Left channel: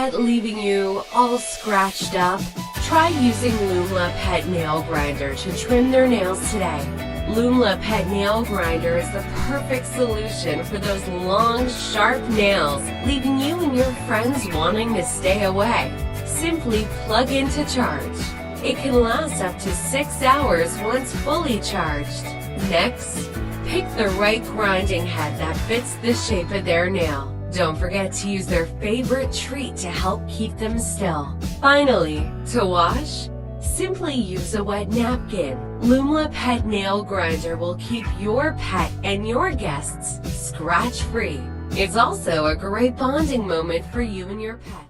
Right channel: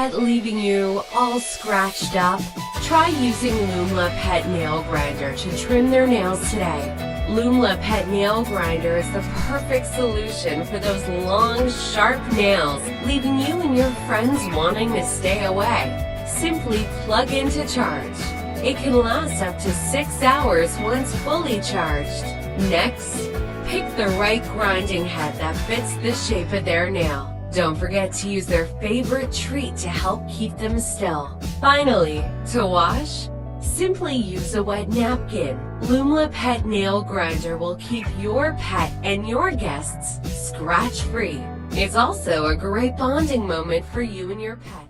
pet leaving you all scratched up? Try using LOOMLA Pet Nail Grinder to trim their nails today. LOOMLA Pet Nail Grinder is the perfect solution for those long, sharp nails, leaving you and your friends wanting to stay away. Simply plug in to charge. It can last up to 6 hours once fully charged. Next, pick the right grinding head that fits the shape of their nail. Don't forget to use their favorite treat to help keep them still. Finally, to wash, simply use a wet napkin. LOOMLA Pet Nail Grinder will keep your pet and your guests scratch-free. It's also a great bonding moment for you and your pet.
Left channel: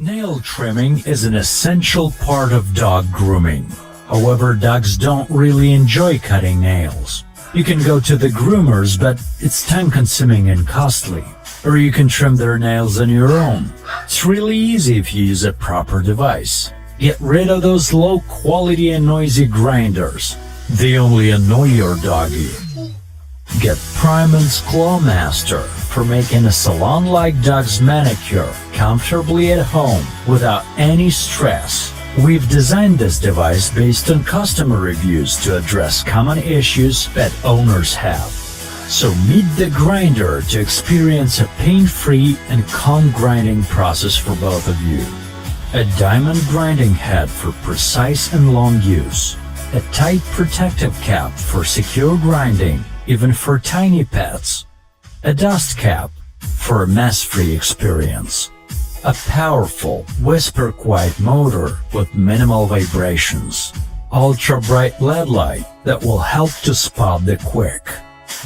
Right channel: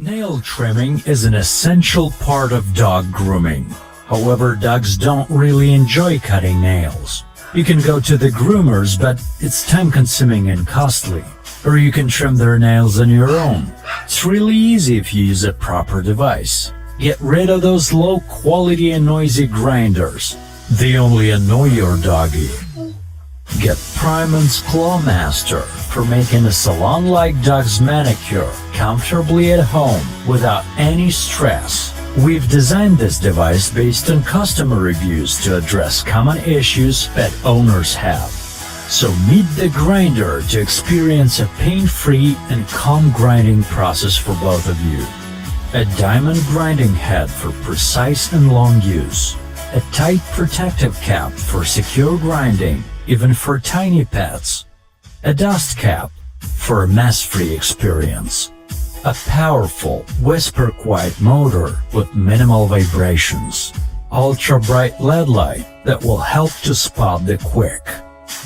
Nail trimming is an essential part of dog grooming. However, dogs don't really enjoy cutting nails. You can go to the groomers, but it's time-consuming and costly. Or you can trim their nails on your own. It's really easy if you use a proper device. Get rid of those low-quality and noisy grinders. They only annoy your doggy. Get PRIMENS Claw Master for making a salon-like dog's manicure comfortably at home without any stress. We've designed this device based on customer reviews to address common issues pet owners have. So meet the grinder to experience a pain-free and calm grinding process for both of you. A diamond grinding head for precise and long use. A tight protective cap for secure grinding, even for tiny pets. A dust cap for a mess-free experience. A powerful, whisper-quiet motor with minimal vibrations. Ultra-bright LED light that will help to spot the quick.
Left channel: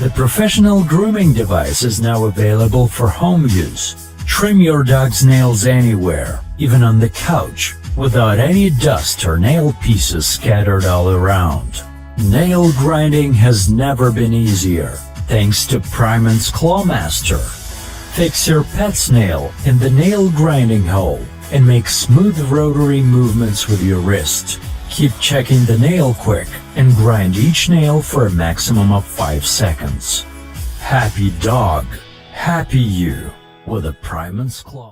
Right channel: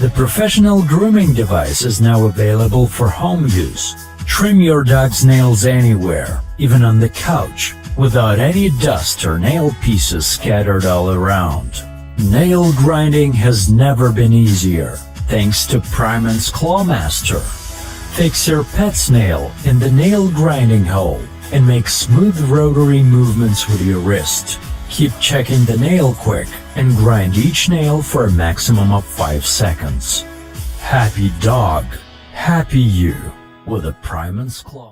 The professional grooming device is now available for home use. Trim your dog's nails anywhere, even on the couch, without any dust or nail pieces scattered all around. Nail grinding has never been easier, thanks to PRIMENS Claw Master. Fix your pet's nail in the nail grinding hole and make smooth rotary movements with your wrist. Keep checking the nail quick and grind each nail for a maximum of 5 seconds. Happy dog, happy you with a PRIMENS Claw.